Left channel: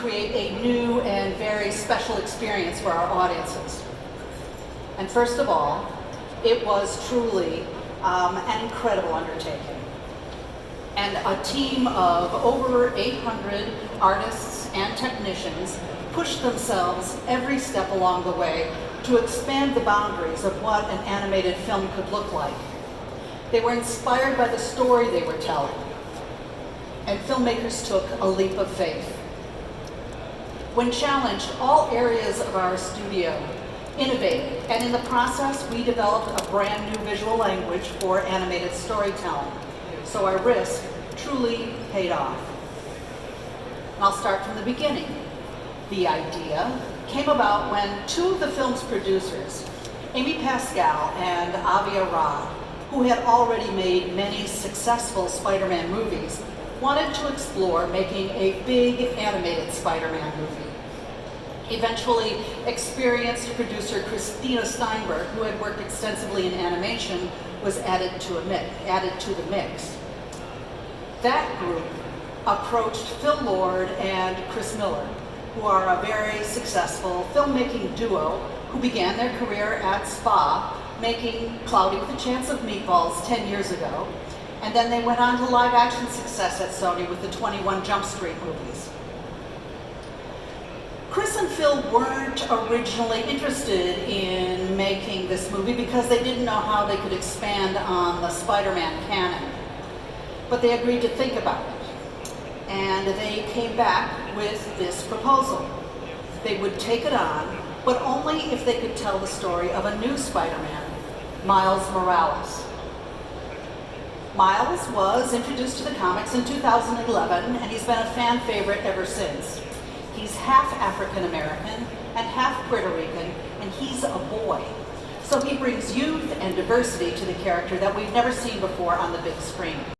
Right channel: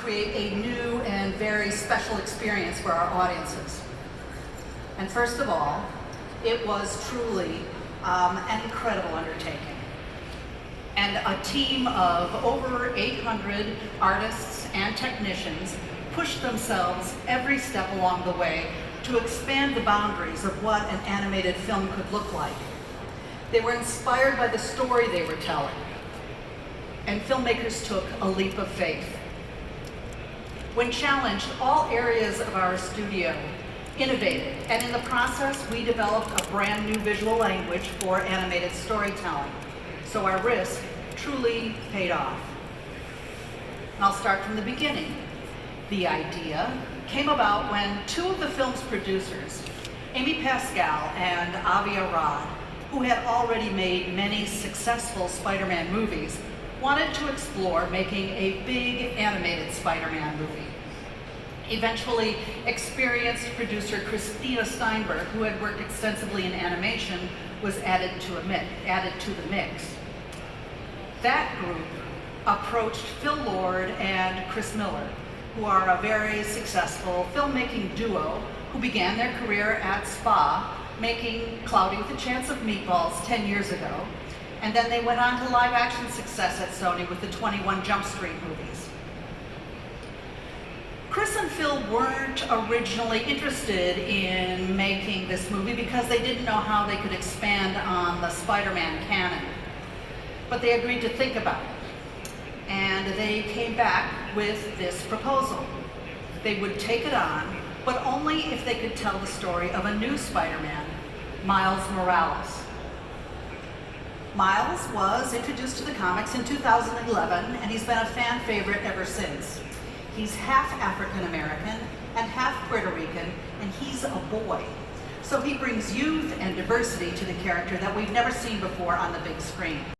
create a new and very special experience for our audiences. And first of all, it was truly an incredible undertaking. And a team of over 800 artists and technicians pushed themselves every step along the way to expand the boundaries of what an animated film could look like. They were inspired by the story they were telling, and filmmakers took a leap of faith. When challenged, all areas of our studio innovated, and in the process, we developed a brand new visual language for animated storytelling. So our risk truly paid off. And I'll start from the beginning. The idea came about when two of the film's producers, Amy Pascal and Avi Arad, who had already made many successful Spider-Man movies, wanted to explore making a big animated Spider-Man movie. Eventually, experienced producer Christina Steinberg, who had worked extensively in animation, was added to the mix. That group approached Phil Lord and Chris Miller, who are a very successful filmmaking duo who began their career at SPA, making Cloudy with a Chance of Meatballs 10 years ago, and then they went on to live action success at Sony with the 21 Jump Street movies. Chris and Phil weren't originally interested in making this movie because they didn't know how they could expand on the Spider-Man canon, but they agreed to think about it. And they came back with this proposal. They would take it on, but only if they could tell the story of a new Spider-Man, Miles Morales. Miles was introduced to the comics in 2011, and he's been a fan favorite ever since. He's half African American and half Puerto Rican, and he's a boy. So he brings youth and diversity to the character that we've never seen before on the big screen.